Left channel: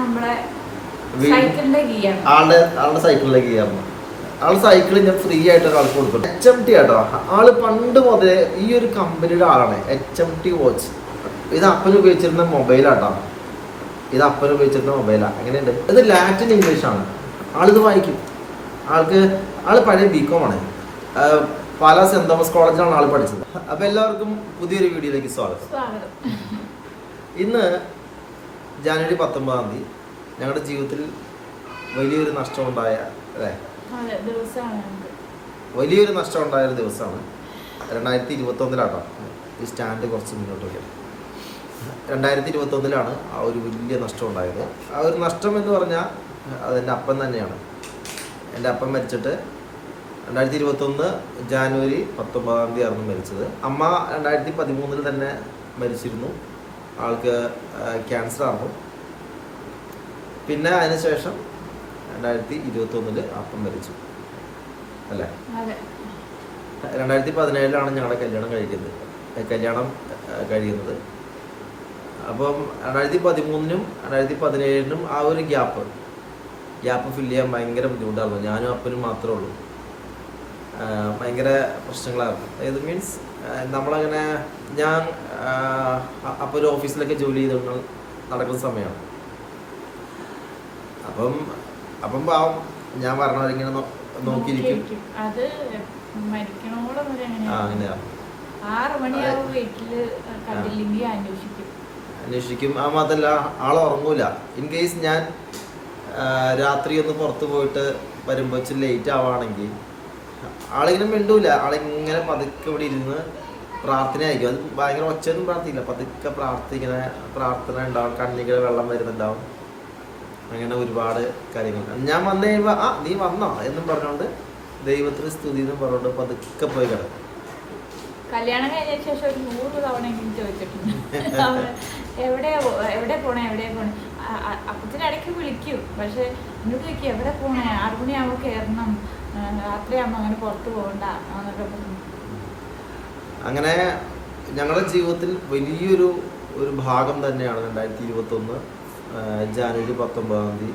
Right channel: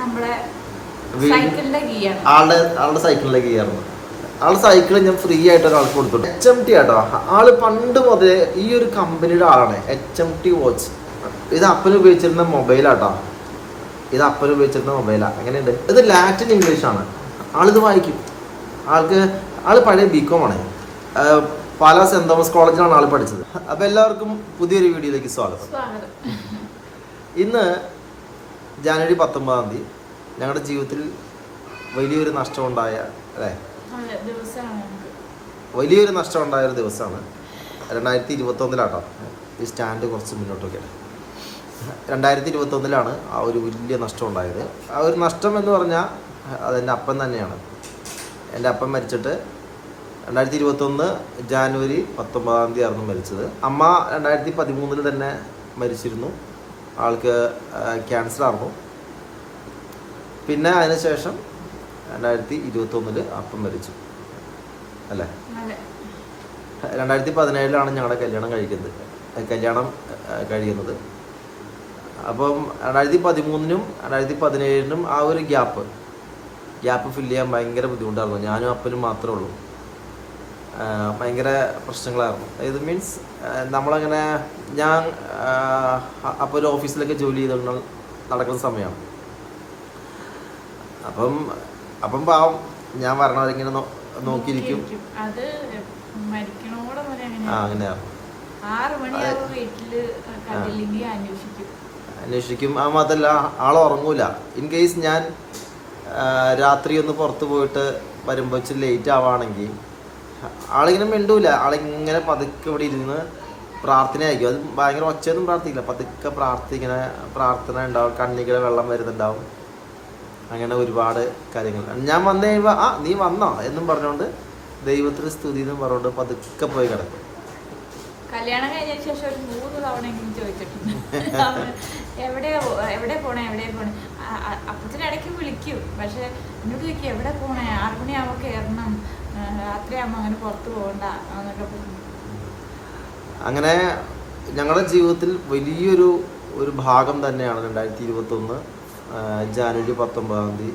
നമ്മളെ സൈക്കിളിന്റെ കീയാണ്. ആളുടെ ആളുടെ സൈക്കിളിലേക്ക് കയറുന്നു ആളുടെ സൈക്കിൾ ഞാൻ ഫ്രീ ആയിട്ട് ഒരാൾക്ക് കൊടുത്തു എച്ച് എം ടി ആട്ടോ. ആൾ പണ്ട് മുതലേ ഈ ഒരു കമ്പനിയുടെ ആളാണ്. എച്ച് എം ടി വാച്ച് ഇത് അപ്പൻ ഉപയോഗിച്ചിരുന്ന മൊബൈലാട്ടോ ഇത് അപ്പൻ ഉപയോഗിച്ചിരുന്ന മൊബൈലാ എങ്ങനെയുണ്ട്? ഇത് ലാറ്റിൻ ഇംഗ്ലീഷ് ആണ്. ആളിത് വായിക്കും. ആൾക്ക് ആൾ പഴയ ബികോം ആണ്. പല സെന്റ് തോമസ് കോളേജിലാണ് ആൾ പഠിച്ചത്. അപ്പൊ എല്ലാവർക്കും പുതിയൊരു വീഡിയോയിലേക്ക് സ്വാഗതം. ഇന്ന് ജാനുവരി പത്തൊമ്പതാം തീയതി ഞങ്ങളുടെ ജീവിതത്തിൽ വലിയൊരു നഷ്ടം ഉണ്ടായ അല്ലേ വലിയൊരു നഷ്ടം ഉണ്ടായ ഒരു ദിവസമാണ്. രണ്ടായിരത്തി ഇരുപത്തൊന്നിലാട്ടോ ഈ സ്റ്റാൻഡ് കുറച്ച് മുന്നോട്ടൊക്കെ. രണ്ടായിരത്തി ഇരുപത്തൊന്നിലാണ് ആ ഒരു വലിയ നഷ്ടം ഉണ്ടായത് ആ ഒരു നഷ്ടം എന്ന് പറഞ്ഞാൽ അതെന്റെ അപ്പൻ തന്നെയാണ്. എന്റെ അപ്പൻ മരിച്ചിട്ട് രണ്ടായിരത്തി ഇരുപത്തൊന്ന് ജാനുവരി പത്തൊമ്പതാം തീയതി ആയിരുന്നു മരിച്ചത്. അമ്മ രണ്ടായിരത്തി പതിമൂന്നിൽ തന്നെ മരിച്ചിരുന്നു. ആൾക്ക് ക്യാൻസർ ആർന്നു പിന്നെ അതിനുശേഷം രണ്ടായിരത്തി ഇരുപത്തി ഒന്നിൽ അപ്പം മരിച്ചു. അല്ലേ? രണ്ടായിരത്തി പതിനേഴിലാണ് ഞങ്ങളുടെ കല്യാണം കഴിക്കുന്നത്. കല്യാണം കഴിയുന്നത്. അപ്പം രണ്ടായിരത്തി പതിമൂന്നിനും രണ്ടായിരത്തി പതിനേഴിനും ആ ഒരു ഗ്യാപ്പ് ഗ്യാപ്പ് ഫില്ല് ചെയ്യാൻ ഭയങ്കര ബുദ്ധിമുട്ടായിരുന്നു. ഞാനും അപ്പനും മാത്രമേ ഉള്ളൂ. ഭയങ്കര പ്രശ്നങ്ങളായിരുന്നു. ഇത് മീൻസ് നമ്മളങ്ങനെ ഞാൻ അപ്പോൾ ഒരു ഓഫീസിലൊക്കെ ജോലി ചെയ്തുകൊണ്ട് നടക്കുന്ന സമയമാണ് അപ്പം അപ്പം പാവം ഞാൻ പറഞ്ഞവരിങ്ങനെ ഇങ്ങനെ നോക്കിയിരിക്കും. അത് മരിക്കണോടെ ആ അങ്ങനെയാണ് ആറ് മണിയാവും വീട്ടിൽ കണ്ടില്ലെങ്കിൽ അന്വേഷിക്കും. അന്വേഷിക്കും. ആ മാത്രല്ല ആൾ ഉറങ്ങൂല. ഇൻ കേസ് ഞാൻ രാത്രി ഒന്ന് പുറത്ത് പോയിട്ട് വരുമ്പോൾ ലേറ്റ് ആവുകയാണെങ്കിൽ ആളിങ്ങനെ മിണ്ടൂല. ആളിങ്ങനെ പതുക്കെ ഇവിടെ ഇരുന്ന് പ്രാർത്ഥന ആയിരിക്കും. അത് ഭയങ്കര ഒച്ചയൊന്നും പ്രാർത്ഥിക്കില്ല. പതുക്കെ പ്രാർത്ഥിക്കുന്ന പ്രാർത്ഥന ഉണ്ടാവും. കണ്ണികൾ വെള്ളം വരുന്നുണ്ടാവും. അങ്ങനെ ഒരുപാട് കാര്യങ്ങൾ ഞാൻ വന്നു കഴിയുമ്പോൾ ആ നീ വന്നോ? എന്നും പറഞ്ഞുകൊണ്ട് ദൈവത്തിന് സ്തുതി എന്നും പറഞ്ഞുകൊണ്ട് പതുക്കെ പോയി കിടക്കും. കല്യാണം കഴിഞ്ഞ ശേഷം ഒരു നൂറ് തവണ എങ്കിലും ചോദിച്ചിട്ടുണ്ട്. എവിടെ എവിടെ പോണേ എവിടെ പോണേ? അപ്പത്തിന് ഇടയ്ക്ക് വിളിക്കും. പക്ഷെ എന്നോട് ചോദിക്കും എവിടെ പോണേ? ആറു മണിയാവുമ്പോ കയറണം രാത്രിയാകുമ്പോൾ അങ്ങനെ പുറത്ത് പോകണ്ട. എന്നൊക്കെ പറഞ്ഞു. അങ്ങനെ ഞങ്ങളുടെ ജീവിതത്തിൽ വലിയൊരു ഒരു ഭാഗം തന്നെയാണ് രണ്ടായിരത്തി ഇരുപത്തൊന്ന് ജാനുവരി പത്തൊമ്പതാം തീയതി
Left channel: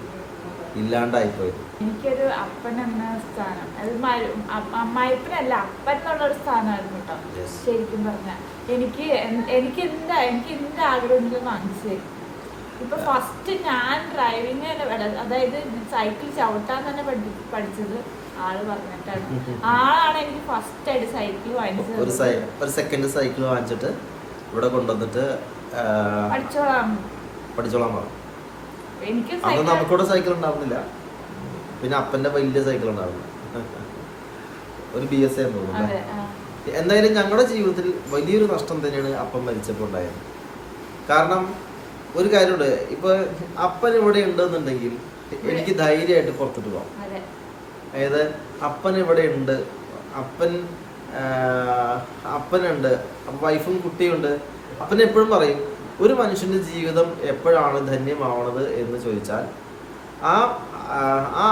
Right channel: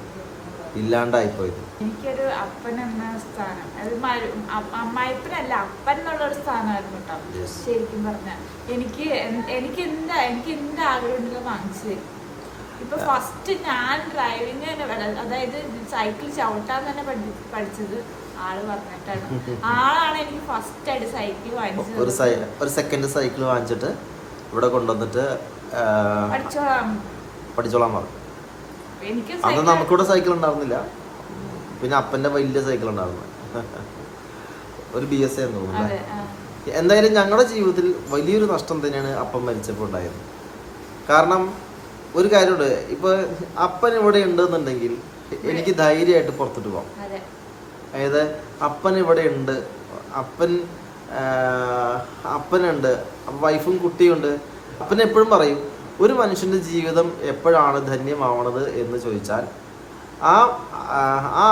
ഇല്ലാണ്ടായിപ്പോയത് എനിക്കൊരു അപ്പൻ എന്ന സ്ഥാനം. അത് അമ്മായിപ്പനല്ല അപ്പൻ എന്നുള്ള ഒരു സ്ഥാനമായിരുന്നു കേട്ടോ ശരിക്കും പറഞ്ഞ. എനിക്ക് എനിക്ക് എന്താ എനിക്ക് എന്ത് ആഗ്രഹം ഉണ്ടെങ്കിലും വാങ്ങിച്ചു തരും. ഇപ്പൊ ഫസ്റ്റ് ഞാൻ ഡ്രൈവിങ് അതായത് സൈക്കിൾ ചവിട്ടാൻ തന്നെ പഠി- പഠിച്ചത് ആൾ പറഞ്ഞിട്ടാണ്. ആളാണ് എനിക്ക് ഫസ്റ്റ് ആയിട്ട് സൈക്കിൾ വാങ്ങിച്ചത് ഒരു സെക്കൻഡ് സൈക്കിൾ വാങ്ങിച്ചിട്ട് ഇവിടെ കൊണ്ടുവന്നിട്ട് പഠിച്ചോളാം. പഠിച്ചോളാം പറഞ്ഞു. അന്ന് സൈക്കിൾ നമുക്കിവിടെ സൈക്കിൾ ഉണ്ടാവുന്നില്ല പിന്നെ അപ്പന്റെ വലിയ സൈക്കിൾ ഉണ്ടായിരുന്നു. ഒരു ബി എസ് എന്ന് തോന്നുന്നു എന്തായാലും ഞങ്ങളുടെ ജീവിതത്തിൽ വലിയൊരു നഷ്ടം തന്നെയാണ് അപ്പം മരിച്ചപ്പോൾ ഉണ്ടായത്. കാരണം ഒരു കാര്യമുണ്ട്. ഇപ്പൊ അപ്പൻ ഇവിടെ ഉണ്ടെന്നുണ്ടെങ്കിൽ എനിക്ക് ധൈര്യമായിട്ട് പുറത്തിട്ട് പോകാം. അതെ. അതായത് അപ്പൻ ഇവിടെ ഉണ്ട് അപ്പൻ അപ്പനുണ്ട് വൈഫും കുട്ടിയുണ്ട് അപ്പൻ എപ്പോഴും പറയും ഒരു മനുഷ്യന്റെ ജീവിതം എപ്പോഴാണ് ധന്യമാവണത് എന്ന് ചോദിച്ചാൽ ആ ആ,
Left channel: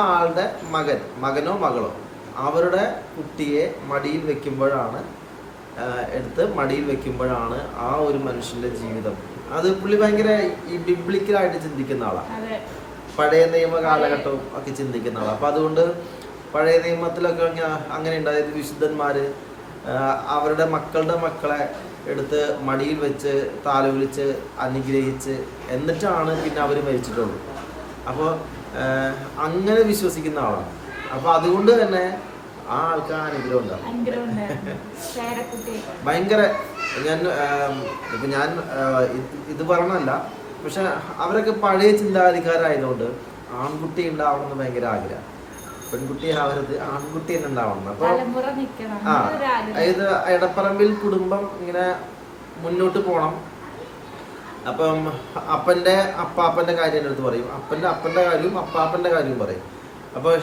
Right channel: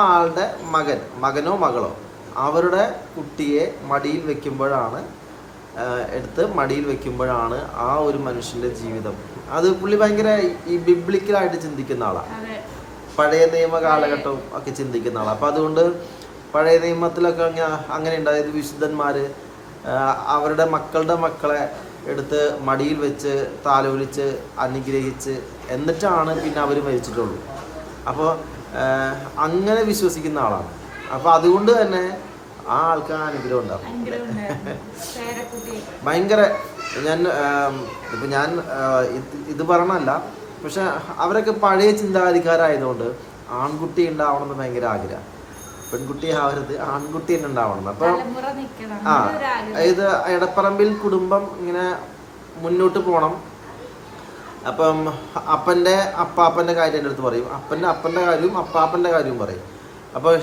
ആളുടെ മകൻ മകനോ മകളോ അവരുടെ കുട്ടിയെ മടിയിൽ വെക്കുമ്പോഴാണ് എടുത്ത് മടിയിൽ വെക്കുമ്പോഴാണ് ആ ഒരു മനുഷ്യന്റെ ജീവിതം. അത് പുള്ളി ഭയങ്കര ഈ ബിബ്ലിക്കലായിട്ട് ചിന്തിക്കുന്ന ആളാണ് പഴയ നിയമ കാലഘട്ടവും ഒക്കെ ചിന്തിക്കുന്ന ആളാണ് അപ്പം അതുകൊണ്ട് പഴയ നിയമത്തിലൊക്കെ അങ്ങനെ ഉണ്ടായത് വിശുദ്ധന്മാർ അവരുടെ മക്കളുടെ മക്കളെ എടുത്ത് മടിയിൽ വെച്ച് താലോലിച്ച് അനുഗ്രഹിച്ച് എന്നിട്ടാണ് പിന്നെ അവർ മരിച്ചിട്ടുള്ളൂ. അപ്പോൾ അങ്ങനെ വിശ്വസിക്കുന്ന ആളാണ്. അപ്പോൾ അതുകൊണ്ട് തന്നെ ആ ആൾക്ക് ആ അനുഗ്രഹം ഉണ്ടാവും. ഭയങ്കര ഞാൻ ഇപ്പം ഞാൻ ഇത് പറഞ്ഞല്ല പക്ഷെ അവരൊക്കെ പഴയ ചിന്താഗതിക്കാരായതുകൊണ്ട് ആൺകുട്ടി ഉണ്ടാവണം എന്ന് ഭയങ്കര ആഗ്രഹം പെൺകുട്ടി ആവരുത് ആൺകുട്ടി തന്നെ ഉണ്ടാവണം. അപ്പൊ ആ ഇത് എടപ്പറമ്പിൽ കുടുംബം ഇങ്ങനെ മുന്നോട്ട് പോണം. അപ്പം അപ്പന്റെ അപ്പാപ്പന്റെ കാര്യം എന്റെ അടുത്ത് പറയും. അപ്പന്റെ അപ്പന്റെ കാര്യവും അപ്പാപ്പന്റെ കാര്യവും പറയും. അപ്പോൾ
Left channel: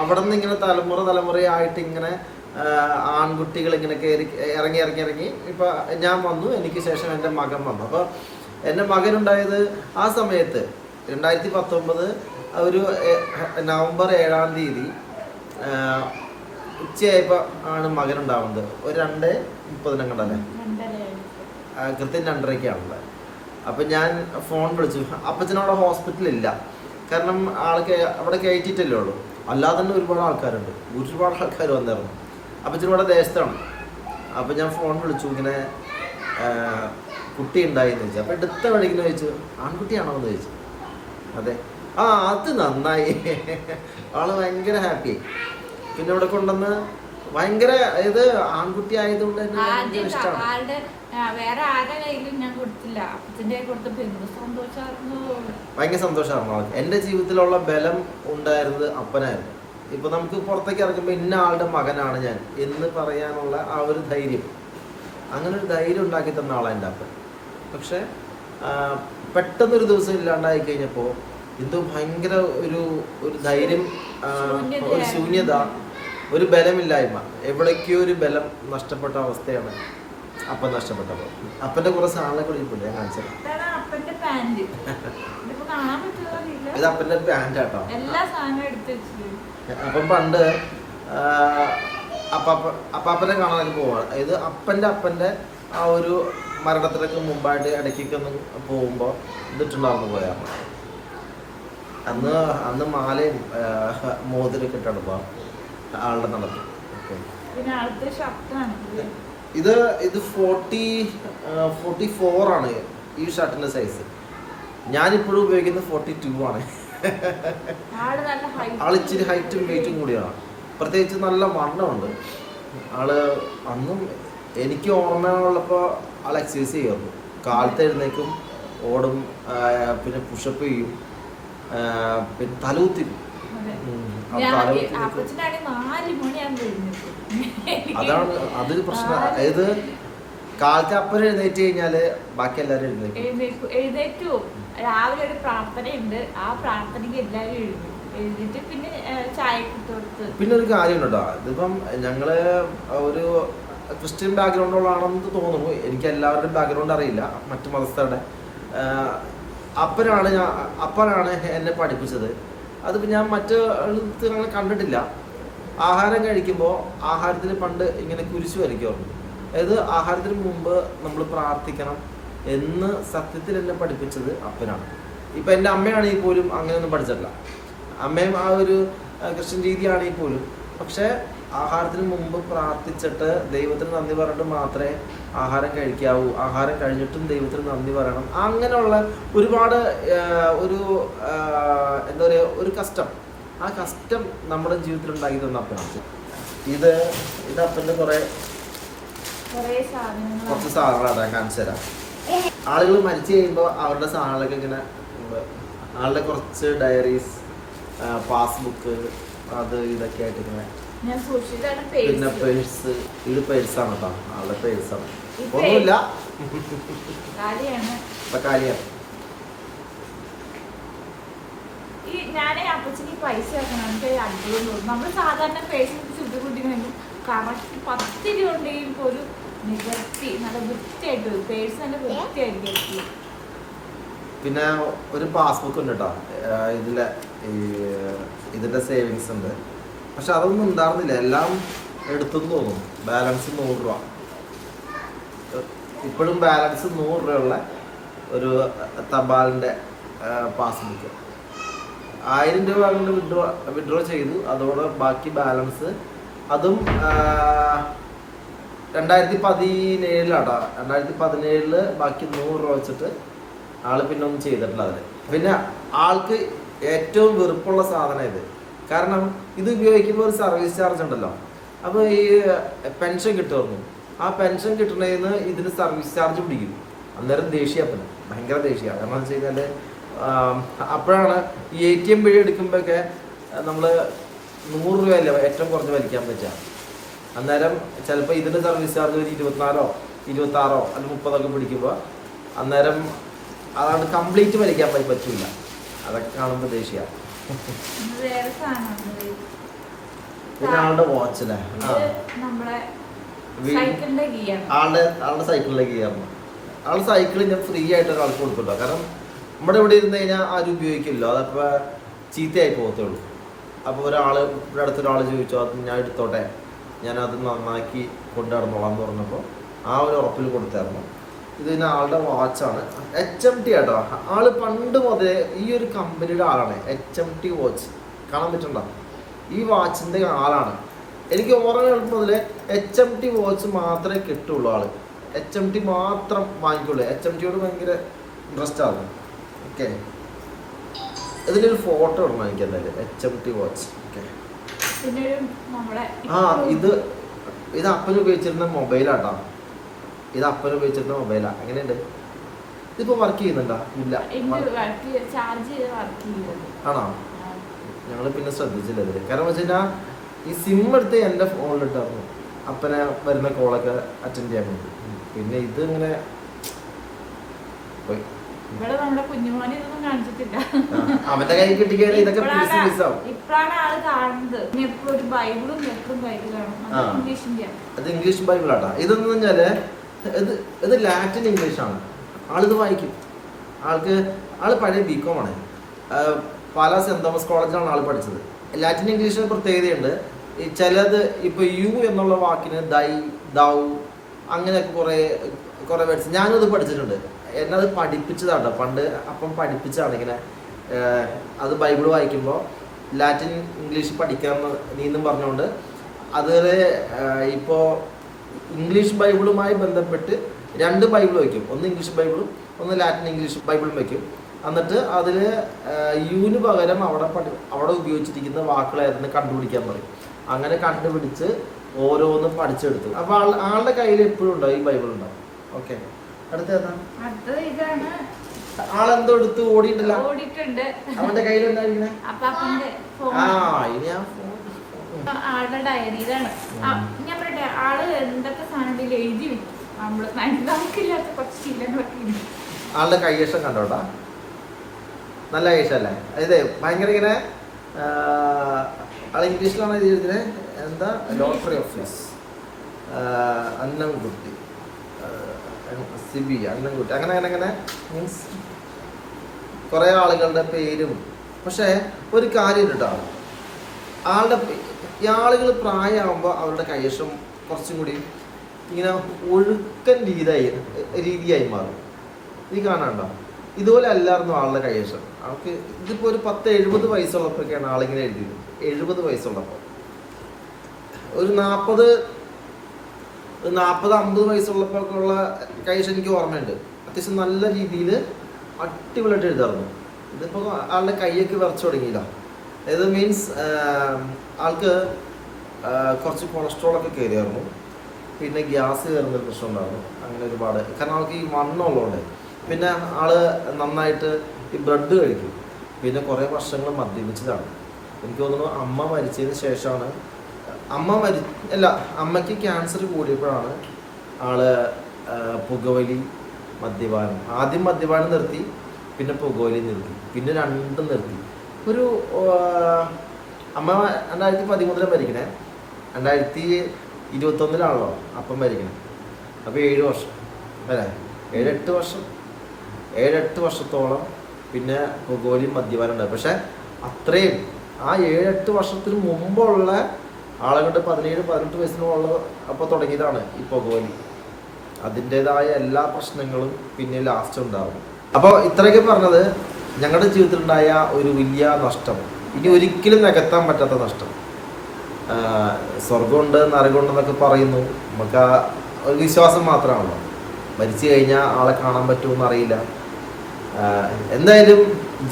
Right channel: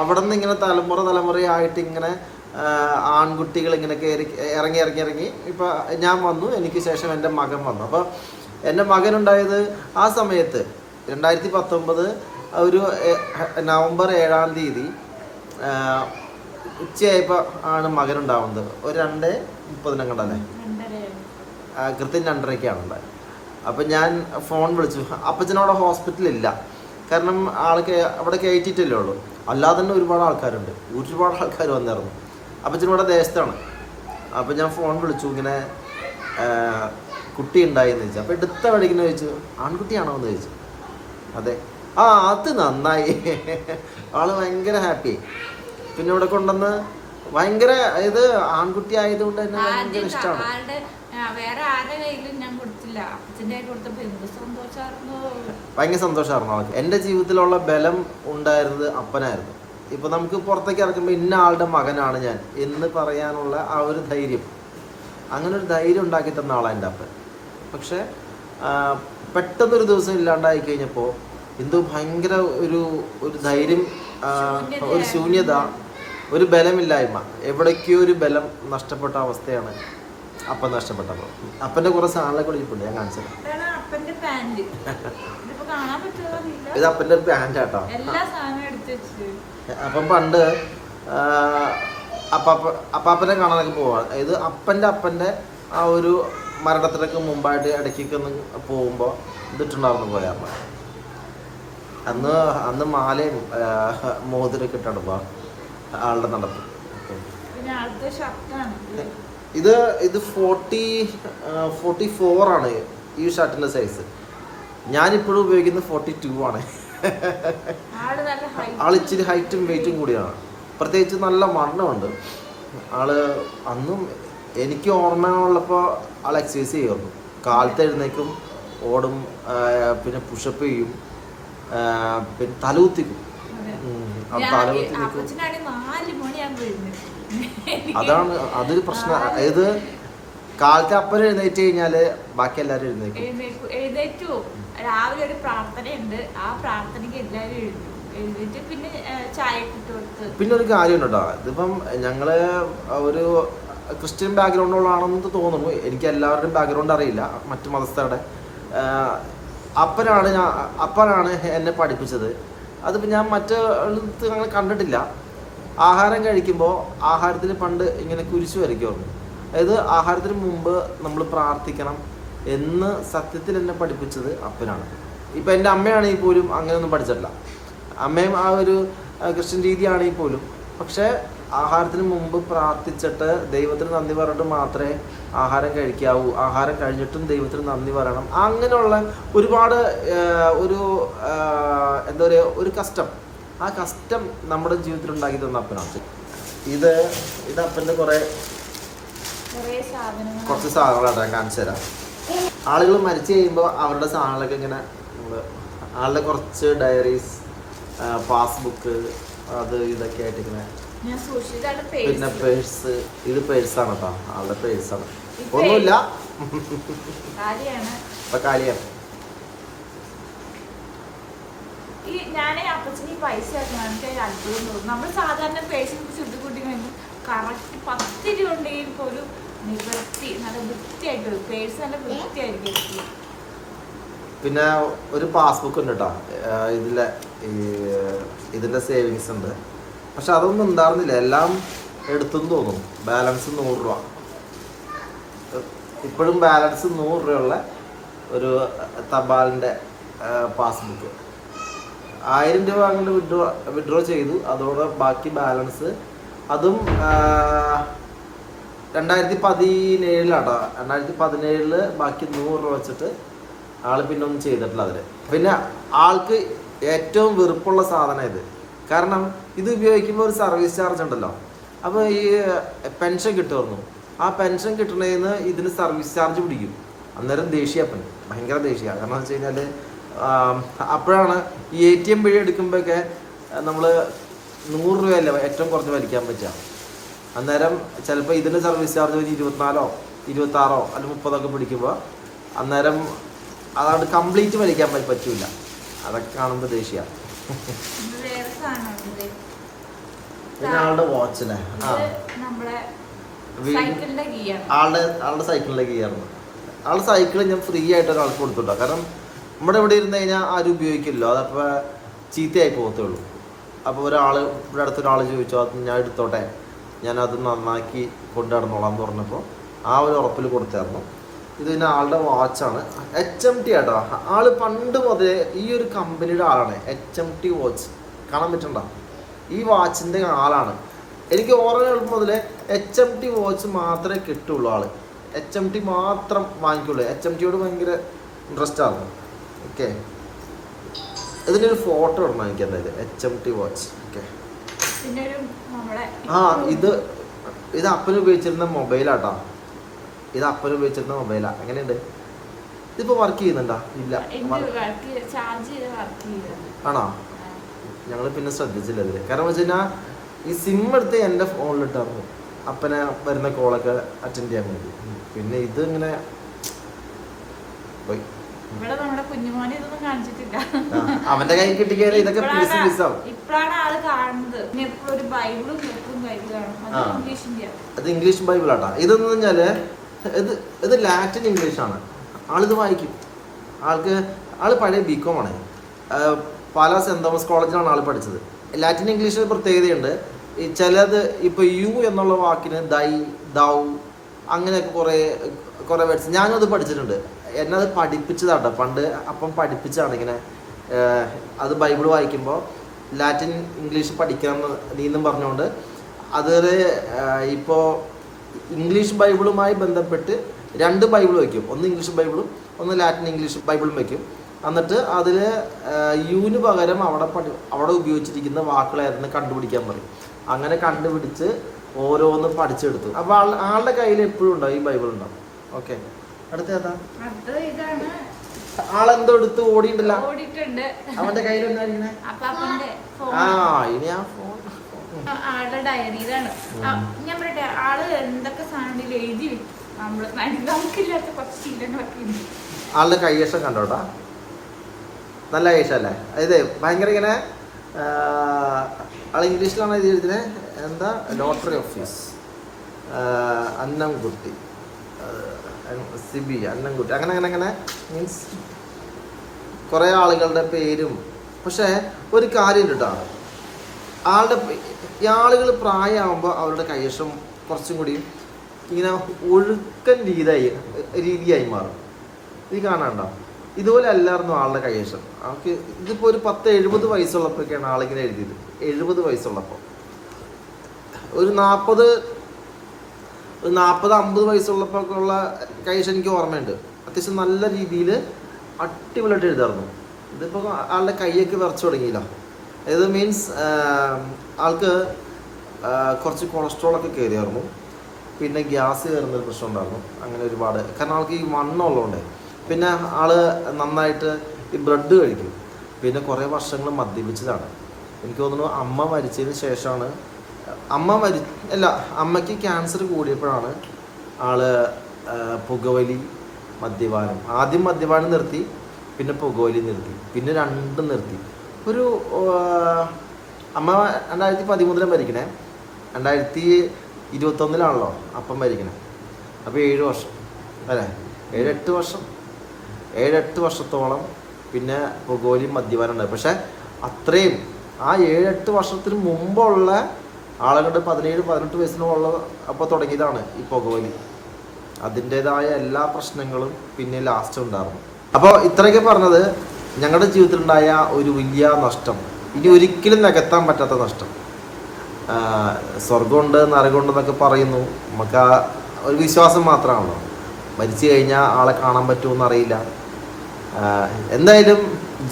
അവിടെ നിന്ന് ഇങ്ങനെ തലമുറ തലമുറയായിട്ട് ഇങ്ങനെ ആൺകുട്ടികൾ ഇങ്ങനെ കയറി ഇറങ്ങി ഇറങ്ങി ഇറങ്ങി. ഇപ്പോൾ ഞാൻ വന്നു എനിക്ക് ശേഷം എന്റെ മകൻ വന്നു. അപ്പോൾ എന്റെ മകനുണ്ടായത് ആ സമയത്ത് രണ്ടായിരത്തി പത്തൊമ്പത് ഒരു നവംബർ ഏഴാം തീയതി ഉച്ചയായപ്പോ ഉച്ചയായപ്പോൾ ആണ് മകനുണ്ടാവുന്നത്. ഒരു രണ്ട് മുപ്പതിനും കണ്ടല്ലേ കൃത്യം രണ്ടരയ്ക്കാണ് ഉണ്ടായത് അപ്പം ഞാൻ ഫോൺ വിളിച്ചു. അപ്പച്ചനവിടെ ഹോസ്പിറ്റലില്ല കാരണം ആൾക്ക് അവിടെ കയറ്റിയിട്ടല്ലേ ഉള്ളൂ. അല്ലാതെ തന്നെ ഒരുപാട് ആൾക്കാരുണ്ട്. ഒരുപാട് ആൾക്കാർ വന്നിരുന്നു അപ്പച്ചൻ ഇവിടെ ദേശത്താണ് അപ്പം ഞാൻ ഫോൺ വിളിച്ചു. ഇങ്ങനെ കുട്ടി ഉണ്ടായിന്ന് ചോദിച്ചു. അപ്പോൾ എടുത്ത വഴിക്കുന്ന ചോദിച്ചു. ആൺകുട്ടിയാണോ? എന്ന് ചോദിച്ചു. അതെ. ആ അത് നന്നായി. ആൾ ഭയങ്കര ഹാപ്പി. പിന്നെ ഇവിടെ കൊണ്ടുവന്ന് ഭയങ്കര ഇത് ആൺകുട്ടി ആയതുകൊണ്ട് തന്നെ ഭയങ്കര ഇഷ്ടമാണ്. വേറെ ആരുടെ കയ്യിലും ഞാൻ കൊടുത്തില്ല. കൊടുത്തപ്പോൾ എന്ത് ഭയങ്കര സന്തോഷമായിരുന്നു അവൾക്ക് എന്റെ ജീവിതത്തിലുള്ള ബലം ഉണ്ടായിരുന്നത് അപ്പനായിരുന്നു. ഇപ്പൊ നമുക്ക് പുറത്തേക്ക് ഇറക്കുമ്പോൾ ഇന്ന ആളുടെ മകനാണ് ഞാൻ എന്ന് പറയാനുള്ള ആ ഒരു ധൈര്യം. അങ്ങനെ ഒരു ധൈര്യം ഉണ്ടാക്കി തന്ന ആളാണ് എന്റെ അപ്പൻ. പക്ഷെ പെട്ടെന്നൊരു ദിവസം ഇല്ലാണ്ടായി കഴിഞ്ഞപ്പോൾ എന്തോ ഭയങ്കര ഒരു ഒരു ധൈര്യം ഒരു ശൂന്യത ഒരു ബലമില്ലായ്മ. എവിടേക്കോ ഒരു ബലം നഷ്ടപ്പെട്ട അവസ്ഥയാണ് അപ്പൻ നഷ്ടപ്പെട്ടപ്പോൾ അപ്പന്റെ കുറേ കൂടി ഇരിപ്പുണ്ട് ഞാൻ കാണിച്ചത് ഇത് അപ്പന്റെ പാന്റ് ആട്ടോ അപ്പം പണ്ട് അപ്പാപ്പ അപ്പാപ്പനെ കാണാനൊക്കെ പോവാണ് അതായത് അപ്പന്റെ അപ്പന്റെ ആ ഒരു മരണത്തിനൊക്കെ മുമ്പായിട്ട് ഇടയ്ക്കൊക്കെ ഒന്ന് പോകുമ്പോൾ വിട്ടുണ്ടാവുന്ന പോലെയാണ് അന്ന് അന്ന് മാലയും മോതിരൊക്കെ ഇട്ടാണ് ആളുടെ നടത്തി ഓക്കെ. ഇത്. ഇത് ഫോർട്ടി ഫോർട്ടി ഫോർ ആണ് ഈ ഷർട്ടിന്റെ സൈസ് ഞാനിപ്പോഴും ഉപയോഗിക്കുന്നത് ഫോർട്ടി ടു ആണ്. ആൾ ഇച്ചിരി ഹൈറ്റും വെയിറ്റും കൂടിയാണ്. പ്രത്യേകിച്ച് നല്ല മണ്ണമുണ്ട് ആൾ അന്നും എനിക്ക് ഓർമ്മയുള്ളപ്പോൾ ആൾ എക്സസൈസ് ചെയ്യുമായിരുന്നു. കാലത്ത് എഴുന്നേക്കും ഓടും പിന്നെ പുഷപ്പ് ചെയ്യും. പിന്നെ അതാണ് അതൊരു പ്രശ്നം. അതായത് കാലത്ത് അപ്പൻ എഴുന്നേറ്റ് കഴിഞ്ഞാൽ ബാക്കി എല്ലാരും എഴുന്നേക്കും എഴുന്നേറ്റു. രാവിലെ ഒരു പ്രാർത്ഥനയുണ്ട്. ആ പ്രാർത്ഥനയ്ക്ക് എല്ലാരും എഴുന്നേക്കും എഴുന്നേറ്റ് പിന്നെ ചായ കൊടുത്ത് പിന്നെ ഒരു കാര്യം കേട്ടോ ഇതിപ്പം ഞങ്ങൾ ഒരു ക്രിസ്ത്യൻ ബാക്ക്ഗ്രൗണ്ടുള്ളതാണെന്ന് തോന്നുന്നു. എനിക്ക് എല്ലാവരുടെയും ബാക്ക്ഗ്രൗണ്ട് അറിയില്ല. മറ്റു മതസ്ഥരുടെ. അപ്പനാണ് ഞാൻ അപ്പനാണ് എന്നെ പഠിപ്പിച്ചത്. അതിപ്പോൾ ഞാൻ മറ്റ് അങ്ങനെ കണ്ടിട്ടില്ല. ആഹാരം കഴിക്കുമ്പോൾ ആഹാരത്തിന് പണ്ട് ഇങ്ങനെ കുരിശ് വരയ്ക്കുമായിരുന്നു അതായത് ആഹാരത്തിന് മുമ്പ് നമ്മൾ പ്രാർത്ഥിക്കണം എന്ന് സത്യത്തിൽ എന്നെ പഠിപ്പിച്ചത് അപ്പനാണ്. ഇപ്പം എന്റെ അമ്മയാണെങ്കിൽ പോലും അങ്ങനെയൊന്നും പഠിച്ചിട്ടില്ല. അമ്മയും ആ ഒരു ക്രിസ്ത്യൻ രീതിയാണെങ്കിൽ പോലും. പക്ഷേ ആഹാരത്തിന് മുമ്പ് പ്രാർത്ഥിച്ചിട്ട് ദൈവത്തിന് നന്ദി പറഞ്ഞിട്ട് മാത്രമേ ആഹാരം കഴിക്കാവൂ. ആഹാരം കഴിഞ്ഞിട്ടും ദൈവത്തിന് നന്ദി പറയണം. അങ്ങനെയുള്ള ഒരുപാട് ഒരു എന്താ പറയുക ഒരു കഷ്ടം. ആ കഷ്ടം നമ്മുടെ ജീവിതത്തിൽ ഉണ്ടാക്കി തന്ന അപ്പനാണ്. ഇത് ഇത് അപ്പന്റെ കുറേ കുറച്ച് സാധനങ്ങളാണ് ഞാൻ കാണിച്ചു തരാം. ആളുകൾ മരിച്ചു കഴിയുമ്പോൾ അവരുടെ സാധനങ്ങളൊക്കെ ഇങ്ങനെ ആളുടെ കുറച്ച് ഡയറീസ് പാസ്ബുക്ക് അത് ഇതൊക്കെ ആയിട്ട് ഇങ്ങനെ ഞാൻ സൂക്ഷിച്ചാണ് പിന്നെ പേഴ്സ് ഇത് പേഴ്സാണ് കേട്ടോ ആളുടെ പേഴ്സാണ് ഒന്നുമില്ല. ഇപ്പൊ കാര്യമാണ് ഈ ഞാനേ അപ്പച്ചന് ഈ പൈസ ആക്കണം. എനിക്ക് അത്ഭുതം തോന്നുന്നു നമ്മൾ സാധാരണ പേഴ്സിൽ ചുട്ടുകൂട്ടിക്കണമെങ്കിൽ കറക്റ്റ് പത്ത് രൂപ ഉണ്ടെങ്കിൽ പോലും നിവർത്തി നല്ല വൃത്തിയായിട്ട് വരും. പേഴ്സ് നല്ല വൃത്തിയായിരിക്കും. പിന്നെ ഒരു പാസ്ബുക്ക് ഉണ്ട് കേട്ടോ ഇതിലെ ഇതിന്റെ സേവിങ്സ് ഉണ്ട്. പക്ഷെ അതൊന്നും ഉണ്ടായിരുന്നില്ല എല്ലാം എടുത്തെന്ന് തോന്നുന്നു. ബാലൻസ് നൂറ് രൂപ. ഇപ്പോഴും ബാലൻസ് നൂറ് രൂപയുള്ള ഒരു തപാലിന്റെ പാസ്ബുക്ക് ആയിരം രൂപ അങ്ങോട്ട് വിഡ്രോ വിഡ്രോ ചെയ്തു. അതോടെ ബാക്കി ബാലൻസ് അതും രണ്ടായിരത്തി പതിനേഴിലാട്ടോ രണ്ടായിരത്തി പതിനേഴിൽ ബാക്കി നൂറ് രൂപ വെച്ചിട്ട് ആൾ പിന്നെ ഒന്നും ചെയ്തിട്ടില്ല അതിൽ പിന്നെ ആൾക്ക് ഏറ്റവും വെറുപ്പുള്ള സാധനം ഇത്. കാരണം ഇത് ഉപയോഗിക്കുമ്പോൾ ഒരു സർവീസ് ചാർജ് ഉണ്ടല്ലോ. അപ്പോൾ ഈ പെൻഷൻ കിട്ടുമായിരുന്നു ആ പെൻഷൻ കിട്ടണേന്ന് ഇതിന് സർവീസ് ചാർജ് പിടിക്കും. അന്നേരം ദേഷ്യപ്പന് ഭയങ്കര ദേഷ്യ. കാരണം എന്ന് വെച്ച് കഴിഞ്ഞാൽ അപ്പോഴാണ് ഈ എ ടി എം വഴി എടുക്കുമ്പോഴൊക്കെ നമ്മൾ നൂറ് രൂപയല്ല ഏറ്റവും കുറഞ്ഞ് വലിക്കാൻ പറ്റുക അന്നേരം ചിലപ്പോൾ ഇതിന്റെ സർവീസ് ചാർജ് ഒരു ഇരുപത്തിനാലോ ഇരുപത്താറോ അല്ലെങ്കിൽ മുപ്പതൊക്കെ പിടിക്കുമ്പോൾ അന്നേരം അതാണ് കംപ്ലീറ്റ് വലിക്കാൻ പ- പറ്റൂല. അതൊക്കെ കാണുമ്പോൾ ദേഷ്യ. ഇത് വേറെ സാധനമാണ് പിന്നെ ആളുടെ വാച്ചിലെ ആ. ഇത് നമ്മളെ വീ- സൈക്കിളിന്റെ ആളുടെ ആളുടെ സൈക്കിളിലേക്ക് കയറുന്നു ആളുടെ സൈക്കിൾ ഞാൻ ഫ്രീ ആയിട്ട് ഒരാൾക്ക് കൊടുത്തിട്ടോ. കാരണം നമ്മുടെ ഇവിടെ ഇരുന്ന് കഴിഞ്ഞാൽ ആരും ഉപയോഗിക്കില്ല. അതപ്പോൾ ചീത്തയായി പോകത്തേ ഉള്ളൂ. അപ്പോൾ ഒരാൾ ഇവിടെ അടുത്തൊരാൾ ചോദിച്ചു അത് ഞാൻ എടുത്തോട്ടെ? ഞാനത് നന്നാക്കി കൊണ്ടു നടന്നോളാം എന്ന് പറഞ്ഞപ്പോൾ ആ ഒരു ഉറപ്പിൽ കൊടുത്തായിരുന്നു. ഇത് പിന്നെ ആളുടെ വാച്ചാണ് എച്ച് എം ടി ആട്ടോ. ആൾ പണ്ട് മുതലേ ഈ ഒരു കമ്പനിയുടെ ആളാണ്. എച്ച് എം ടി വാച്ച് കാണാൻ പറ്റണ്ട ഈ വാച്ചിന്റെ ആളാണ്. എനിക്ക് ഓർമ്മ മുതലേ എച്ച് എം ടി വാച്ച് മാത്രമേ കിട്ടുള്ളൂ ആൾ. എച്ച് എം ടി മാത്രം വാങ്ങിക്കുള്ളൂ. എച്ച് എം ടിയോട് ഭയങ്കര ഇൻട്രസ്റ്റ് ആണ്. ഓക്കെ ഇതിനൊരു ഫോട്ടോ ഇടണം എനിക്ക് എന്തായാലും. H M T watch okay ആ ഇത് ഇത് അപ്പൻ ഉപയോഗിച്ചിരുന്ന മൊബൈലാട്ടോ ഇത് അപ്പൻ ഉപയോഗിച്ചിരുന്ന മൊബൈലാ എങ്ങനെയുണ്ട്? ഇതിപ്പോ വർക്ക് ചെയ്യുന്നുണ്ടോ? ഇല്ല. എന്റെ ആണോ. ഞങ്ങൾ പിന്നെ ശ്രദ്ധിച്ചില്ല ഇതിൽ. കാരണം വെച്ച് കഴിഞ്ഞാൽ ഈ സിം എടുത്ത് എന്റെ ഫോണിലിട്ടായിരുന്നു അപ്പനെ വരുന്ന കോളൊക്കെ അറ്റൻഡ് ചെയ്യാൻ വേണ്ടി. പിന്നെ ഇത് ഇങ്ങനെ പോയി. ഇവിടെ നമ്മുടെ കുഞ്ഞുമോനെ ഇതൊന്നും കാണിച്ചിട്ടില്ല. അവന്റെ കൈ കിട്ടിക്കാണ് ഇതൊക്കെ ഇപ്പോഴാണ് ആൾ കാണുന്നത്. എപ്പോഴും ഒരു ബൈബിളും എപ്പോഴും കാണും. അത്. ഇംഗ്ലീഷിന്റെ അത് ഇംഗ്ലീഷ് ബൈബിൾ ആട്ടാ. ഇതെന്ന് പറഞ്ഞാൽ ഇത് ഇത് ലാറ്റിൻ ഇംഗ്ലീഷാണ് ആളിത് വായിക്കും. ആൾക്ക് ആൾ പഴയ ബി കോം ആണ് പല സെന്റ് തോമസ് കോളേജിലാണ് ആൾ പഠിച്ചത്. ലാറ്റിൻ ഇംഗ്ലീഷിന് പ്രത്യേകതയുണ്ട്. ചിലത് ഇപ്പോൾ യു എന്നുള്ള വാക്കിന് ദൈ ദൗ അങ്ങനെയൊക്കെ കുറേ കുറെ വേർഡ്സ് ഞാനത് പഠിച്ചിട്ടുണ്ട്. എന്നെ അത് പഠിപ്പിച്ചതാട്ടോ. പണ്ട് അപ്പം പഠിപ്പിച്ചതാണ് ഇങ്ങനെ. അത് ബൈബിൾ വായിക്കുമ്പോൾ ലാറ്റിൻ ഇംഗ്ലീഷ് പഠിക്കാമെന്ന് നീന്നും പറഞ്ഞുകൊണ്ട് അത് ഇപ്പോൾ ഇംഗ്ലീഷ് ബൈബിളുമായി ബന്ധപ്പെട്ട് രണ്ട് ബൈബിൾ വയ്ക്കും. ഒന്ന് ഇംഗ്ലീഷ് ബൈബിളും ഒന്ന് ലാറ്റിൻ ഇംഗ്ലീഷ് ബൈബിളും വയ്ക്കും. എന്നിട്ട് അതിൽ യുവിന് പകരം അവിടെ പഠി അവിടെ ഉപയോഗിച്ചിരിക്കുന്ന വാക്കുകളായിരുന്നു കണ്ടുപിടിക്കാൻ പറയും. അങ്ങനെ കണ്ടുപിടിച്ച് ഓരോന്ന് പഠിച്ചെടുത്തു. അപ്പോൾ ആൾ ആളുടെ കയ്യിൽ എപ്പോഴും ഉണ്ടാവും ഈ ബൈബിൾ ഉണ്ടാവും ഓക്കെ. അടുത്ത ഏതാ? ആളെന്തോ എടുത്ത് ഓടിയിട്ടില്ല. അവന്റെ കയ്യിൽ ആ ഇനി ആ ഫോൺ. ആളുടെ ഡയറിയിലാണ്. ഞാൻ പറയട്ടെ ആൾ എന്തൊക്കെ സാധനം എഴുതി വെക്കും. നമ്മൾ നമുക്കില്ലാത്ത കുറച്ച് ശീലങ്ങളൊക്കെ ഉണ്ട്. ആളുടെ കയ്യേഷം കണ്ടോട്ടാ നല്ല കയ്യേഷം അല്ലേ? അതായത് ഭയങ്കര ഇങ്ങനെ ആൾ ഇംഗ്ലീഷിലാണ് എഴുതിയത് എന്താ? Lottery office Annamkutty. Sibi Annamkutty. അങ്ങനെ അങ്ങനെ അങ്ങനെ. മീൻസ് കുറേ ആളുകളുടെ പേരും. പക്ഷേ ഒരു കാര്യം കേട്ടോ ആളുടെ ഈ ആളുകൾ പ്രായമാകുമ്പോൾ അവരുടെ കൈവശം കുറച്ചും കൂടി ഇങ്ങനെ ഒഴുക്കൻ രീതിയായി രീതിയായി മാറും. നീ കാണാണ്ടോ ഇതുപോലെ അല്ലായിരുന്നു ആളുടെ കൈവശം. അവർക്ക് ഇതിപ്പോ ഒരു പത്ത് എഴുപത് വയസ്സുള്ളപ്പോഴൊക്കെയാണ് ആളിങ്ങനെ എഴുതിയത്. എഴുപത് വയസ്സുള്ളപ്പോൾ ഒരു നാൽപ്പത് ഒരു നാൽപ്പത് അമ്പത് വയസ്സുള്ളപ്പോഴൊക്കെ ഉള്ള കൈവശം എനിക്ക് ഓർമ്മയുണ്ട്. അത്യാവശ്യം നല്ല രീതിയിൽ അടിപൊളിയായിട്ട് എഴുതാറുന്നു ഇതിപ്പോൾ ആളുടെ കൈയൊക്കെ വിറച്ചു തുടങ്ങിയില്ല. ഇത് മീൻസ് ആൾക്ക് കുറച്ച് കൊളസ്ട്രോൾ ഒക്കെ കയറിയായിരുന്നു. പിന്നെ ഗ്യാസ് കയറുന്നൊരു പ്രശ്നം ഉണ്ടായിരുന്നു. അങ്ങനെ ഒരുപാട്. കാരണം ആൾക്ക് ഈ മണ്ണുള്ളതുകൊണ്ട് പിന്നെ ആൾ നന്നായിട്ട് ഈ ബ്രെഡ് കഴിക്കും. പിന്നെ കുറേ വർഷങ്ങൾ മദ്യപിച്ചതാണ് എനിക്ക് തോന്നുന്നു അമ്മ മരിച്ചതിന് ശേഷമാണ്. അമ്മ മരി അല്ല അമ്മയ്ക്ക് ക്യാൻസർ കൂടിയപ്പോഴാണ് ആൾ പുകവലി മദ്യപാനം. ആദ്യം മദ്യപാനം നിർത്തി പിന്നെ പുകവലി നിർത്തി. പിന്നെ രണ്ടും നിർത്തി. ഒരു അമ്മ രണ്ടായിരത്തി പതിമൂന്നിലാണ് മരിക്കണേ. രണ്ടായിരത്തി ഇരുപത്തൊന്നിലാണല്ലോ അപ്പം മരിക്കണേ. അപ്പോൾ ഏഴ് വർഷം അല്ലേ? ഏഴെട്ട് വർഷം. ഏഴെട്ട് വർഷത്തോളം പിന്നെ പുകോലിയും മദ്യപാനം ഉണ്ടായി പക്ഷെ അത്രയും ആ ഏഴെട്ട് വർഷത്തിന് മുമ്പുള്ള ആളുകളുടെ പതിനേഴ് പതിനെട്ട് വയസ്സിനുള്ള അപ്പോൾ തുടങ്ങിയതാണ് ഈ പുകവലി അതിന്റെതായ എല്ലാ പ്രശ്നങ്ങളും പിന്നെ ലാസ്റ്റ് ഉണ്ടാകും അപ്പോൾ ഇത്രയൊക്കെ പറഞ്ഞത് ഞങ്ങളുടെ ജീവിതത്തിലുണ്ടായ ഒരു വലിയ നഷ്ടം ഇനി ഒരിക്കലും നികത്താൻ പറ്റാത്ത നഷ്ടം. സ്വർഗമുണ്ട് നരകമുണ്ടെന്നൊക്കെ പറയുന്നു. നമുക്ക് ആ ഒരു വിശ്വാസം മാത്രമാണല്ലോ. മരിച്ചു കഴിഞ്ഞാൽ ആളെ കാണാൻ പറ്റുമെന്ന് അറിയില്ല. എന്തായാലും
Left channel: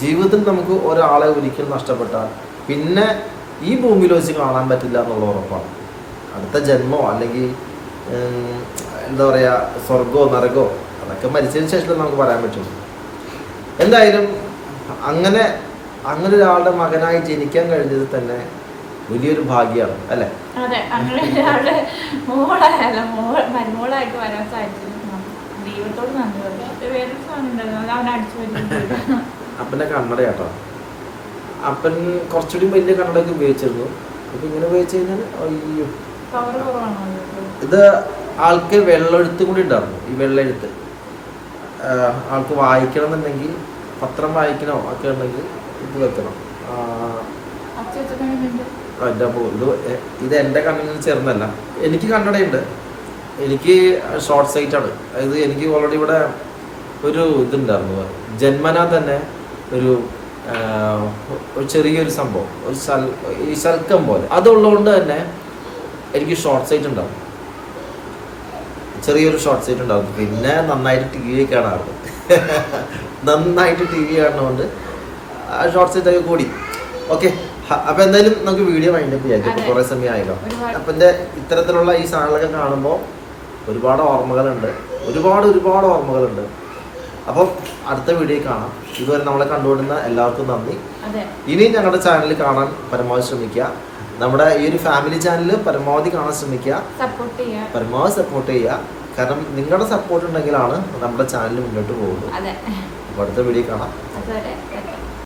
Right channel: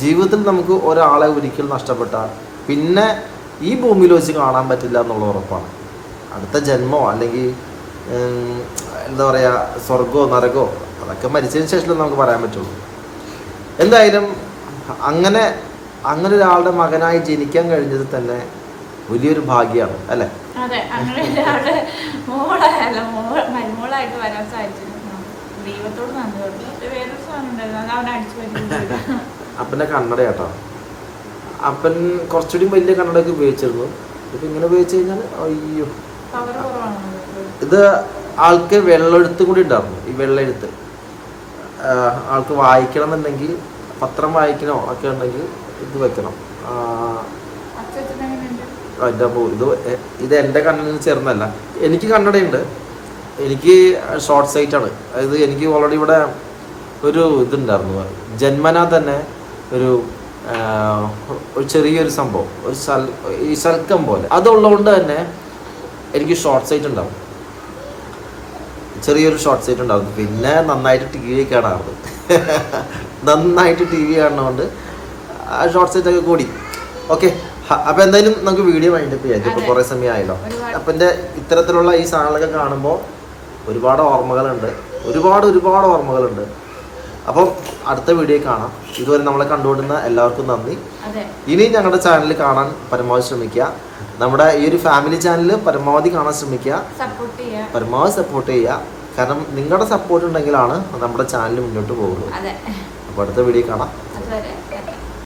ജീവിതത്തിൽ നമുക്ക് ഒരാളെ ഒരിക്കലും നഷ്ടപ്പെട്ടാൽ പിന്നെ ഈ ഭൂമിയിൽ വെച്ച് കാണാൻ പറ്റില്ല എന്നുള്ള ഉറപ്പാണ്. അടുത്ത ജന്മോ അല്ലെങ്കിൽ എന്താ പറയുക സ്വർഗമോ നരകമോ അതൊക്കെ മരിച്ചതിന് ശേഷം നമുക്ക് പറയാൻ പറ്റുള്ളൂ. എന്തായാലും അങ്ങനെ അങ്ങനെ ഒരാളുടെ മകനായി ജനിക്കാൻ കഴിഞ്ഞത് തന്നെ വലിയൊരു ഭാഗ്യമാണ് അല്ലേ? അതെ അങ്ങനെ ഒരാളുടെ മോളായല്ല മോൾ മരുമോളായിട്ട് വരാൻ സാധിച്ചത് ദൈവത്തോട് നന്ദി പറഞ്ഞു. വേറൊരു സാധനം ഉണ്ടായിരുന്നു അത് അവൻ അടിച്ചു വരുന്നു അപ്പന്റെ കണ്ണട കേട്ടോ. അപ്പൻ കുറച്ചുകൂടി വലിയ കണ്ണടയൊക്കെ ഉപയോഗിച്ചിരുന്നു. ഇപ്പം ഇങ്ങനെ ഉപയോഗിച്ച് കഴിഞ്ഞാൽ അയ്യോ? ഇത് ആൾക്ക് വെള്ളെഴുത്ത് കൂടി ഉണ്ടായിരുന്നു ഈ വെള്ളെഴുത്ത് ആൾക്ക് വായിക്കണം എന്നുണ്ടെങ്കിൽ പത്രം വായിക്കണോ? ഒക്കെ ഉണ്ടെങ്കിൽ ഇത് വെക്കണം. എന്റെ അപ്പോ ഇത് ഇത് എന്റെ നിന്ന് ചേർന്നല്ല എനിക്ക് കണ്ണടയുണ്ട്. എനിക്ക് ഷോർട്ട് സൈറ്റ് ആണ്. അതായത് എനിക്ക് ഓൾറെഡി ഇവിടെ ഒരു ഇതുണ്ടായിരുന്നു. ജന്മനാ തന്നെ ഒരു ഒരു ചെറിയൊരു സംഭവം. ഒരു സൽ ഈ സൽക്കം പോലെ. അതുള്ളതുകൊണ്ട് തന്നെ എനിക്ക് ഷോർട്ട് സൈറ്റ് ഉണ്ടാവും. ചെറിയൊരു ഷോർട്ട് സൈറ്റ് ഉണ്ടാവും. പിന്നെ നന്നായിട്ട് ടി വി കാണാറുണ്ട് നന്നായിട്ട് ടി വി കാണുന്നതുകൊണ്ട് ഷോർട്സ് ഇതൊക്കെ കൂടി. ഓക്കെ അപ്പൊ എന്തായാലും നമുക്ക് വീഡിയോ വൈൻഡപ്പ് ചെയ്യാം. ഇപ്പൊ കുറേ സമയം ആയല്ലോ അപ്പൊ എന്റെ ഇത്തരത്തിലുള്ള ഈ സാധനങ്ങളൊക്കെ കാണുമ്പോൾ ഒരുപാട് ഓർമ്മകളുണ്ട്. ഒരുപാട് ഒരുപാട് ഓർമ്മകളുണ്ട്. അപ്പം അടുത്ത വീഡിയോ കാണാം. ഇതുവരെ നമ്മളെ കണ്ടുകൊണ്ടിരുന്ന എല്ലാവർക്കും നന്ദി. ഇനിയും ഇനി ഞങ്ങളുടെ ചാനൽ കാണാൻ പരമാവധി ശ്രമിക്കുക. നമ്മുടെ ഈ ഒരു ഫാമിലി ചാനൽ പരമാവധി കാണാൻ ശ്രമിക്കുക. പരമാവധി സപ്പോർട്ട് ചെയ്യുക. കാരണം നിങ്ങളുടെ സപ്പോർട്ട് ഉണ്ടെങ്കിലാണ് നമ്മുടെ ചാനൽ മുന്നോട്ട് പോകുള്ളൂ അടുത്ത വീഡിയോ കാണാം.